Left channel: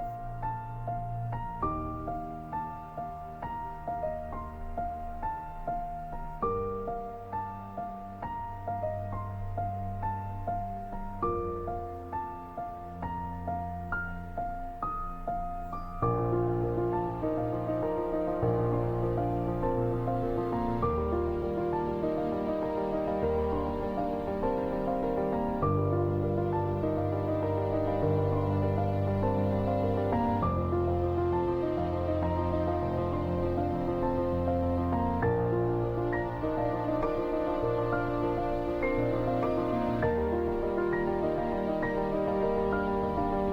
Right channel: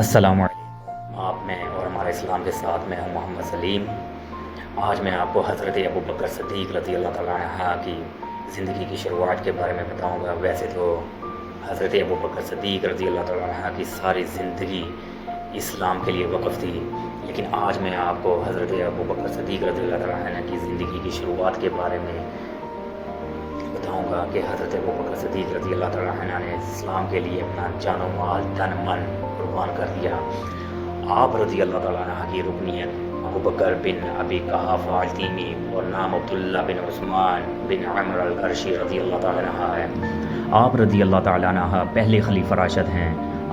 السلام علیکم، آپ میں اور ہمارے اسلام کے ساتھ میں ہوں محمد سلیم۔ آج میں آپ کو حضرت ابو بکر صدیق رضی اللہ تعالیٰ عنہ کی زندگی کی شروعات کے بارے میں بتاؤں گا۔ ویسے تو حضرت ابو بکر صدیق رضی اللہ تعالیٰ عنہ کی ساری زندگی اسلام کے لیے وقف تھی، لیکن آج میں آپ کو حضرت ابو بکر صدیق رضی اللہ تعالیٰ عنہ کی زندگی کی شروعات کے بارے میں بتاؤں گا کہ حضرت ابو بکر صدیق رضی اللہ تعالیٰ عنہ نے اسلام کے لیے اپنا جان و مال تن من قربان کر دیا۔ آپ رضی اللہ تعالیٰ عنہ کی رکنیت ابو بکر بن ابی قحافہ التیمی اور نام عبداللہ بن عثمان بن عمر القرشی رضی اللہ تعالیٰ عنہ ہے۔ آپ رضی اللہ تعالیٰ عنہ پہلے خلیفہ راشد ہیں۔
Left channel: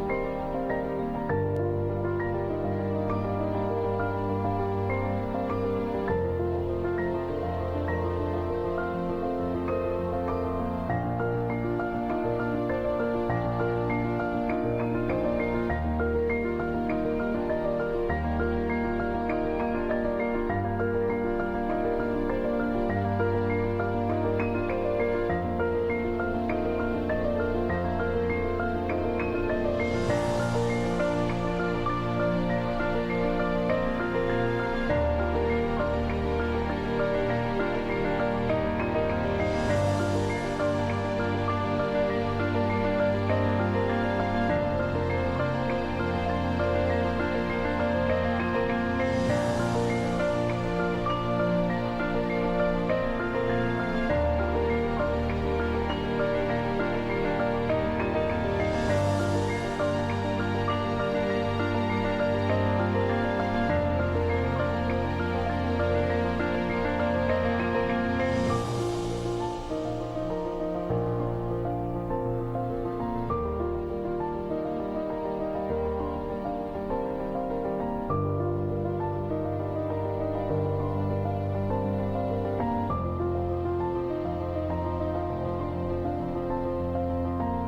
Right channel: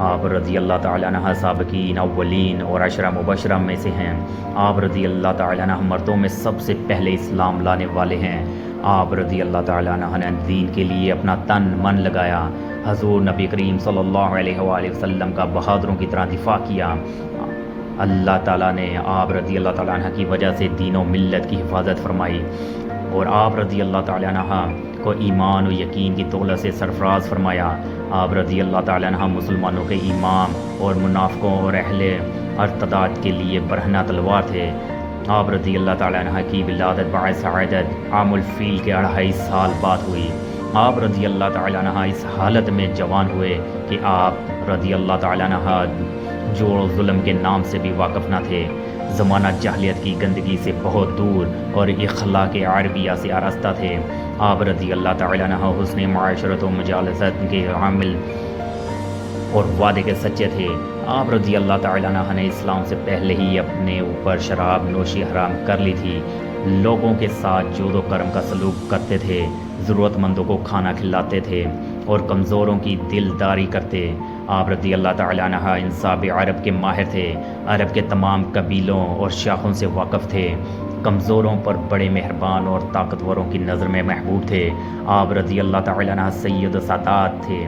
آپ رضی اللہ تعالیٰ عنہ سابقین اولین اور عشرہ مبشرہ میں سے ہیں۔ آپ رضی اللہ تعالیٰ عنہ مردوں میں سب سے پہلے اسلام لانے والے ہیں۔ آپ رضی اللہ تعالیٰ عنہ نے دین کے لیے اپنا تن من لگایا۔ حضور نبی کریم صلی اللہ علیہ وآلہ وسلم کا بہادروں کی طرح دفاع کیا۔ اللہ تعالیٰ نے آپ رضی اللہ تعالیٰ عنہ کی وجہ سے دین و ملت کی حفاظت فرمائی، اور آپ رضی اللہ تعالیٰ عنہ کو ایمان و یقین کی دولت سے سرفراز فرمایا۔ آپ رضی اللہ تعالیٰ عنہ مسلمانوں کے امام اور منافقوں اور اہل ارتداد کے لیے برہنہ تلوار تھے۔ آپ رضی اللہ تعالیٰ عنہ کی ولادت باعث سعادت عام الفیل کے 2.5 سال بعد ہوئی۔ آپ رضی اللہ تعالیٰ عنہ اس حالت میں جوان ہوئے کہ آپ رضی اللہ تعالیٰ عنہ جور و ظلم کے نام سے بھی واقف نہ تھے۔ زمانہ جاہلیت کی گندگی سے بہت دور اور اخلاق عربیہ سے آراستہ تھے۔ آپ رضی اللہ تعالیٰ عنہ حسن معاشرت و مجالست کے عامل اور وعدے کے سچے تھے۔ آپ رضی اللہ تعالیٰ عنہ نے اسلام سے پہلے ہی اپنے اوپر شراب نوشی حرام کر لی تھی۔ لوگوں کے ساتھ جود و کرم کا سلوک کرتے تھے، ضرورت مندوں کو کھانا کھلاتے تھے اور کمزوروں کی دلداری کرتے۔ آپ رضی اللہ تعالیٰ عنہ انصاف عرب کے ماہر تھے، عرب کے تمام قبیلوں اور شاخوں سے واقف تھے، کمزوروں پر بڑے مہربان اور طاقتوروں کی نظر میں محبوب تھے۔ آپ رضی اللہ تعالیٰ عنہ سید و سادات تھے۔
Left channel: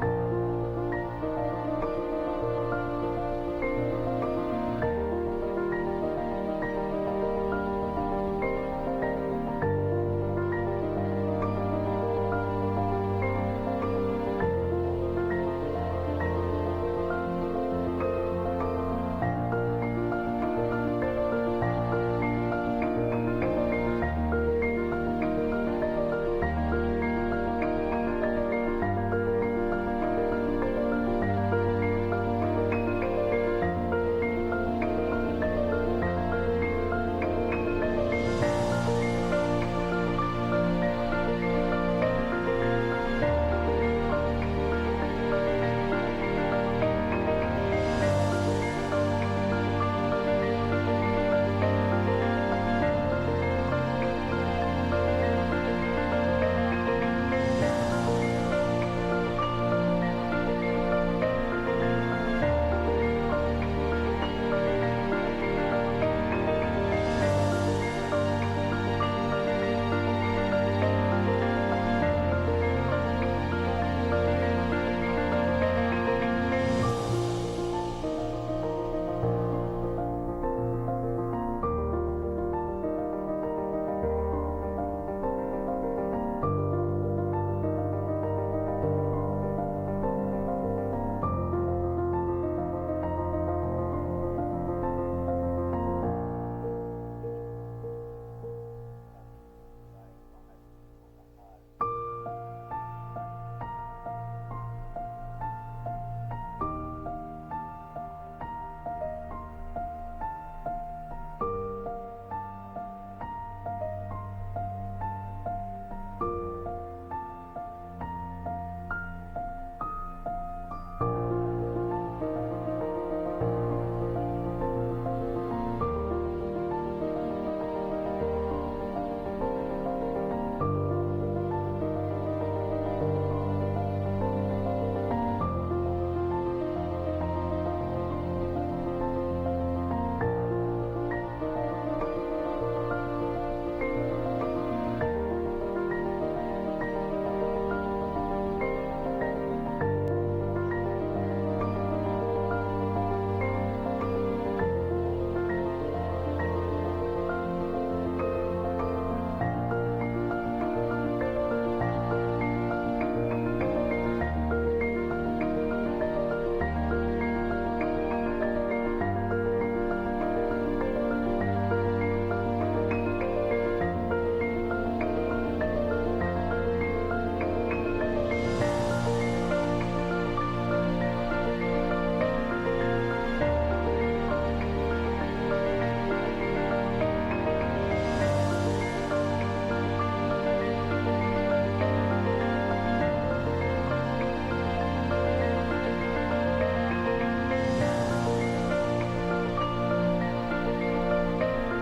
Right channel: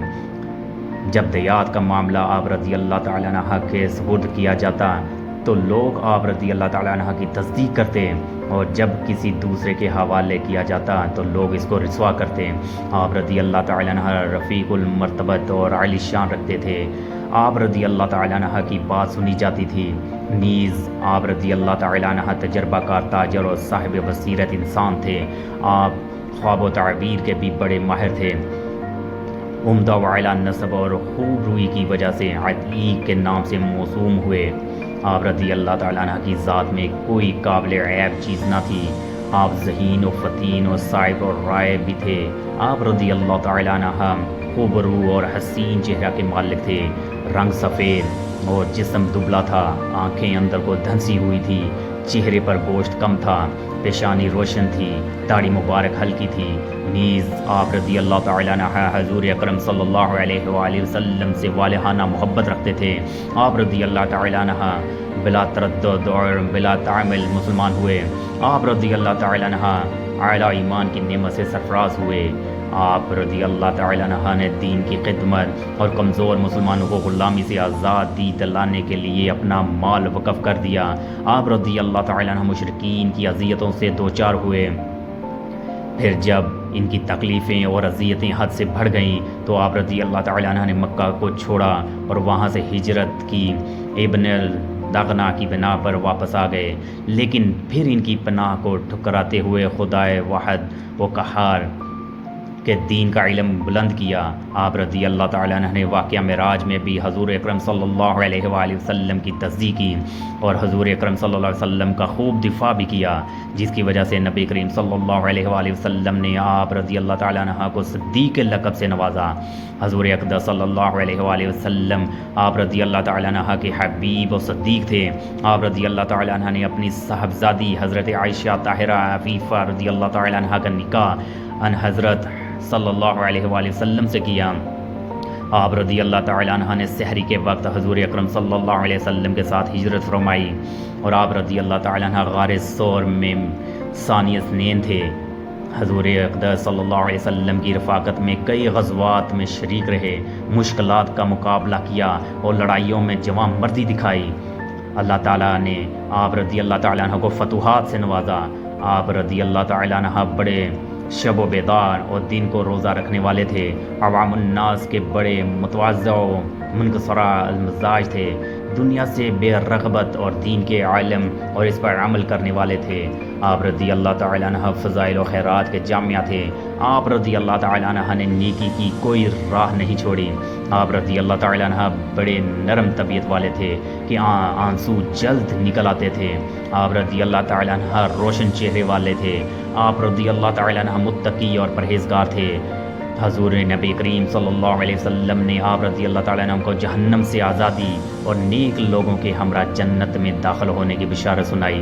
جب دیات کا معاملہ آپ رضی اللہ تعالیٰ عنہ کے سپرد کیا جاتا تو لوگ آپ رضی اللہ تعالیٰ عنہ کی تصدیق کرتے، اور جب کسی دوسرے کے حوالے کیا جاتا تو لوگ اس کو رسوا کرتے۔ آپ رضی اللہ تعالیٰ عنہ رفیق المرتبت اور عالی شان رکھتے تھے۔ آپ رضی اللہ تعالیٰ عنہ کی بات سنی جاتی تھی۔ نیز آپ رضی اللہ تعالیٰ عنہ تجربہ کار تاجر اور صاحب بصیرت انسان تھے۔ آپ خواب و تعبیر کے بھی بڑے ماہر تھے۔ عمدہ و اعلیٰ نسب اور خوب روئی کی وجہ سے عتیق کے نام سے موسوم ہوئے۔ آپ رضی اللہ تعالیٰ عنہ کی ذات میں کوئی قابل عیب چیز نہ تھی۔ آپ ذہین و فتین و صائب و رائے بھی تھے۔ آپ رضی اللہ تعالیٰ عنہ خوبرو اور حسین چہرہ کے مالک تھے۔ رنگ سفید اور جسم دبلا تھا، آنکھیں اندر کو دھنسی ہوئی تھی، چہرے پر گوشت کم تھا، پیشانی روشن تھی، داڑھی مبارک ہلکی تھی۔ نیز آپ رضی اللہ تعالیٰ عنہ حضور اکرم صلی اللہ علیہ وآلہ وسلم سے والہانہ محبت رکھتے تھے۔ آپ رضی اللہ تعالیٰ عنہ بلا تردد اور بلا تعمل مسلمان ہوئے۔ آپ رضی اللہ تعالیٰ عنہ اعلیٰ ایمان کی نعمت سے سرفراز ہوئے۔ آپ رضی اللہ تعالیٰ عنہ نے دین کی خدمت اور کمزور مسلمانوں کو غلامی سے آزادی دلانے کے لیے اپنا مال وقف کر دیا۔ آپ رضی اللہ تعالیٰ عنہ مشرکین کی اذیتوں سے دوچار ہوئے۔ پھر جب ان کی تکلیفیں اور اذیتیں حد سے بڑھ گئیں تو آپ رضی اللہ تعالیٰ عنہ نے مکہ کو چھوڑا اور وہاں سے ہجرت کی، ابن الدغنا کی بنا پر واپس آ گئے، لیکن پھر ان کی پناہ کو ٹھکراتے ہوئے خدائے واحد و قہار کے دین کا علم بلند کیا۔ آپ رضی اللہ تعالیٰ عنہ نے واقعہ معراج میں بھی حضور اکرم صلی اللہ علیہ وآلہ وسلم کی تصدیق کی اور حضور اکرم صلی اللہ علیہ وسلم کا خوب دفاع بھی کیا، جس کی وجہ سے نبی کریم صلی اللہ علیہ وآلہ وسلم نے آپ رضی اللہ تعالیٰ عنہ کو صدیق کے لقب سے نوازا۔ حضور اقدس صلی اللہ علیہ وآلہ وسلم آپ رضی اللہ تعالیٰ عنہ کے حبیب و صدیق تھے۔ آپ رضی اللہ تعالیٰ عنہ نے اپنی صاحبزادی حضرت عائشہ طاہرہ عفیفہ رضی اللہ تعالیٰ عنہ کا نکاح ان حضرت صلی اللہ علیہ وآلہ وسلم سے کیا۔ آپ رضی اللہ تعالیٰ عنہ نے سحری کے وقت حضور اکرم صلی اللہ علیہ وسلم کے ساتھ ہجرت فرمائی، اور آپ رضی اللہ تعالیٰ عنہ غار ثور میں ثانی اثنین تھے۔ حضور اقدس صلی اللہ علیہ وسلم کی رفاقت میں کئی غزوات میں شریک رہے، مشکلات کا مقابلہ کیا اور لڑائیوں میں جواں مردی دکھائی۔ اللہ تعالیٰ نے آپ رضی اللہ تعالیٰ عنہ کو فتوحات سے نوازا۔ آپ رضی اللہ تعالیٰ عنہ بڑے شب و بیدار اور دین کو روزہ رکھنے والے تھے۔ عوام الناس کے بڑے متواضع و منکسرہ المزاج تھے۔ دنیا سے بے رغبت اور دین کے عالم اور اس پر عمل کرنے والے تھے۔ آپ رضی اللہ تعالیٰ عنہ فضائل و خیرات کے جامعہ تھے۔ آپ رضی اللہ تعالیٰ عنہ نے نیکی کی کوئی راہ نہیں چھوڑی۔ آپ رضی اللہ تعالیٰ عنہ بڑے نرم طبیعت والے تھے کہ آنسو جلد نکل آتے تھے۔ آپ رضی اللہ تعالیٰ عنہ روشن چہرے والے تھے۔ آپ رضی اللہ تعالیٰ عنہ متقی اور پرہیزگار تھے۔ حضور نبی کریم صلی اللہ علیہ وسلم نے آپ رضی اللہ تعالیٰ عنہ کو جہنم سے آزادی اور نیک لوگوں کے ہمراہ جنت میں داخل ہونے کی بشارت سنائی۔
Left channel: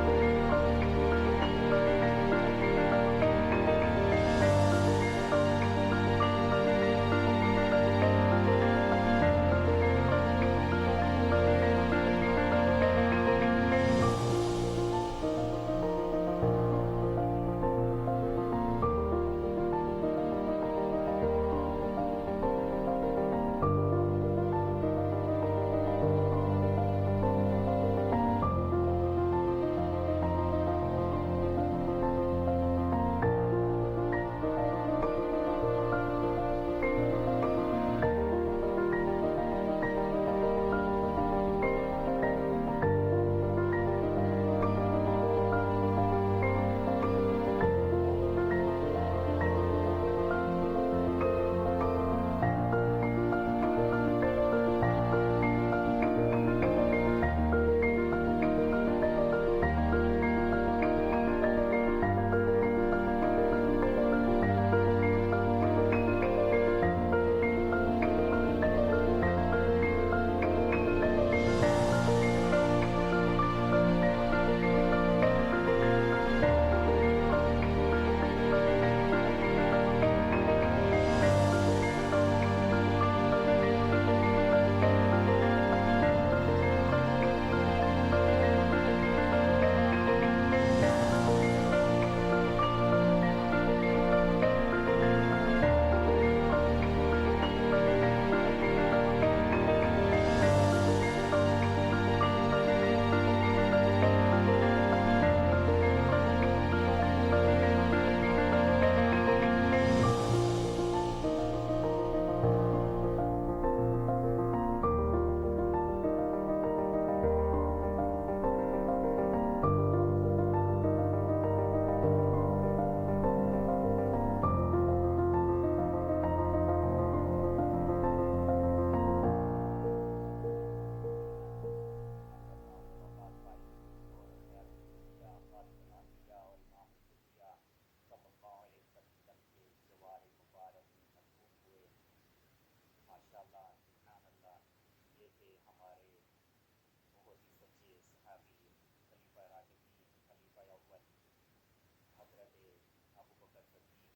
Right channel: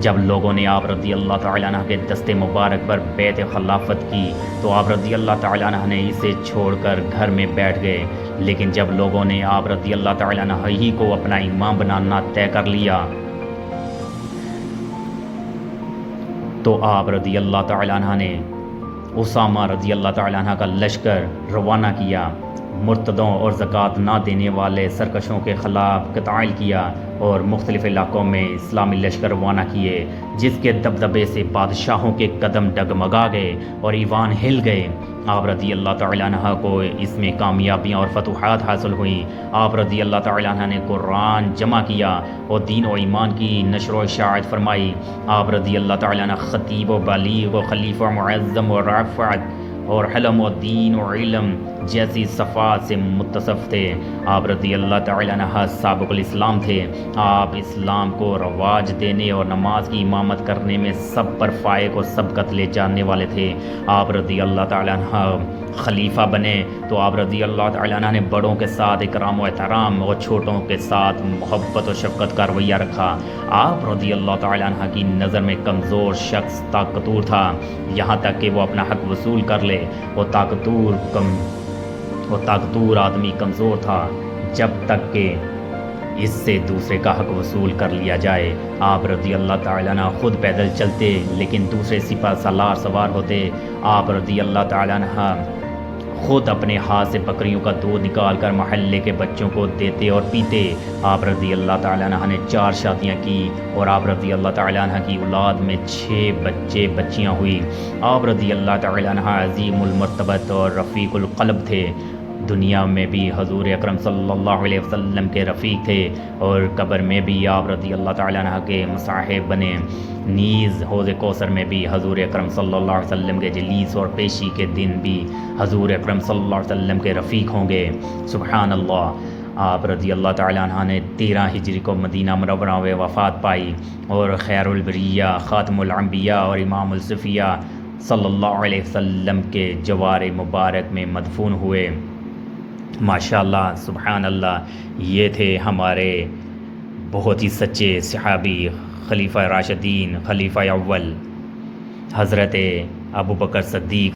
جب لوگوں نے آپ رضی اللہ تعالیٰ عنہ کے دست مبارک پر بیعت خلافت کی تو آپ رضی اللہ تعالیٰ عنہ نے اسے چھوڑ کر گھر میں بیٹھ گئے، لیکن جب لوگوں نے آپ رضی اللہ تعالیٰ عنہ ہی کو اپنا امام بنانا طے کر لیا تو آپ رضی اللہ تعالیٰ عنہ نے اسامہ رضی اللہ تعالیٰ عنہ کا لشکر روانہ کیا، مرتدوں اور زکوٰۃ نہ دینے والے سرکشوں کے خلاف قتال کیا اور مختلف علاقوں میں اسلامی لشکر روانہ کیے، جس کے دبدبے سے بادشاہوں کے قدم ڈگمگا گئے اور ایوان ہل گئے۔ آپ رضی اللہ تعالیٰ عنہ کو اس میں کامیابیاں اور فتوحات حاصل ہوئیں۔ آپ رضی اللہ تعالیٰ عنہ نے قرآن جمع کیا اور دین و ایمان کی نشر و اشاعت فرمائی۔ آپ رضی اللہ تعالیٰ عنہ خطیب و بلیغ و خلیفہ معظم و رافعت اور حلم و دین و علم جیسی صفات سے متصف تھے۔ آپ رضی اللہ تعالیٰ عنہ سابق الاسلام تھے۔ آپ اسلام کو رواج دینے اور نماز کی امامت کرنے میں سب پر فائق و سبقت لے جانے والے تھے۔ آپ رضی اللہ تعالیٰ عنہ خلیفہ بنے تو آپ رضی اللہ تعالیٰ عنہ نے بڑوں کے ساتھ اکرام و احترام اور چھوٹوں کے ساتھ محبت و شفقت کا رویہ رکھا۔ آپ رضی اللہ تعالیٰ عنہ کی نظر میں کمزور شخص طاقتور تھا، یہاں تک کہ وہ اپنا حق وصول کر لے۔ وہ طاقتور آدمی کمزور تھا جب تک کہ اس سے دوسرے کا حق وصول کر لیا جائے۔ آپ رضی اللہ تعالیٰ عنہ خود پیدل چلتے لیکن دوسرے سپہ سالار سوار ہوتے۔ آپ رضی اللہ تعالیٰ عنہ خود اپنے ہاتھ سے بکریوں کا دودھ نکال کر محلے کے بچوں کو دیتے اور پیتے۔ آپ رضی اللہ تعالیٰ عنہ نے 4 شادیاں کی اور آپ رضی اللہ تعالیٰ عنہ کی اولاد میں 6 بچے بچیاں ہوئی۔ آپ رضی اللہ تعالیٰ عنہ عظیم المرتبت اور رفیق القلب تھے۔ دنیا میں بھی حضور اکرم صلی اللہ علیہ وسلم کے رفیق تھے اور قبر میں بھی آپ رضی اللہ تعالیٰ عنہ کے مصاحب بنے۔ نیز حوض کوثر میں بھی حضور اکرم صلی اللہ علیہ وسلم کے جلیس اور پیشی کے دن بھی حضور اکرم صلی اللہ علیہ وسلم کے رفیق ہوں گے۔ سبحان اللہ۔ آپ رضی اللہ تعالیٰ عنہ نے 13 ہجری کو مدینہ منورہ میں وفات پائی اور خیر البریہ، خاتم الانبیاء اور امام الصفیہ صلی اللہ علیہ وسلم کے جوار مبارک میں مدفون ہوئے۔ ماشاءاللہ، سبحان اللہ۔ یہ تھے ہمارے بہت ہی سچے صحابی، خلیفہ راشدین، خلیفہ اول حضرت ابو بکر صدیق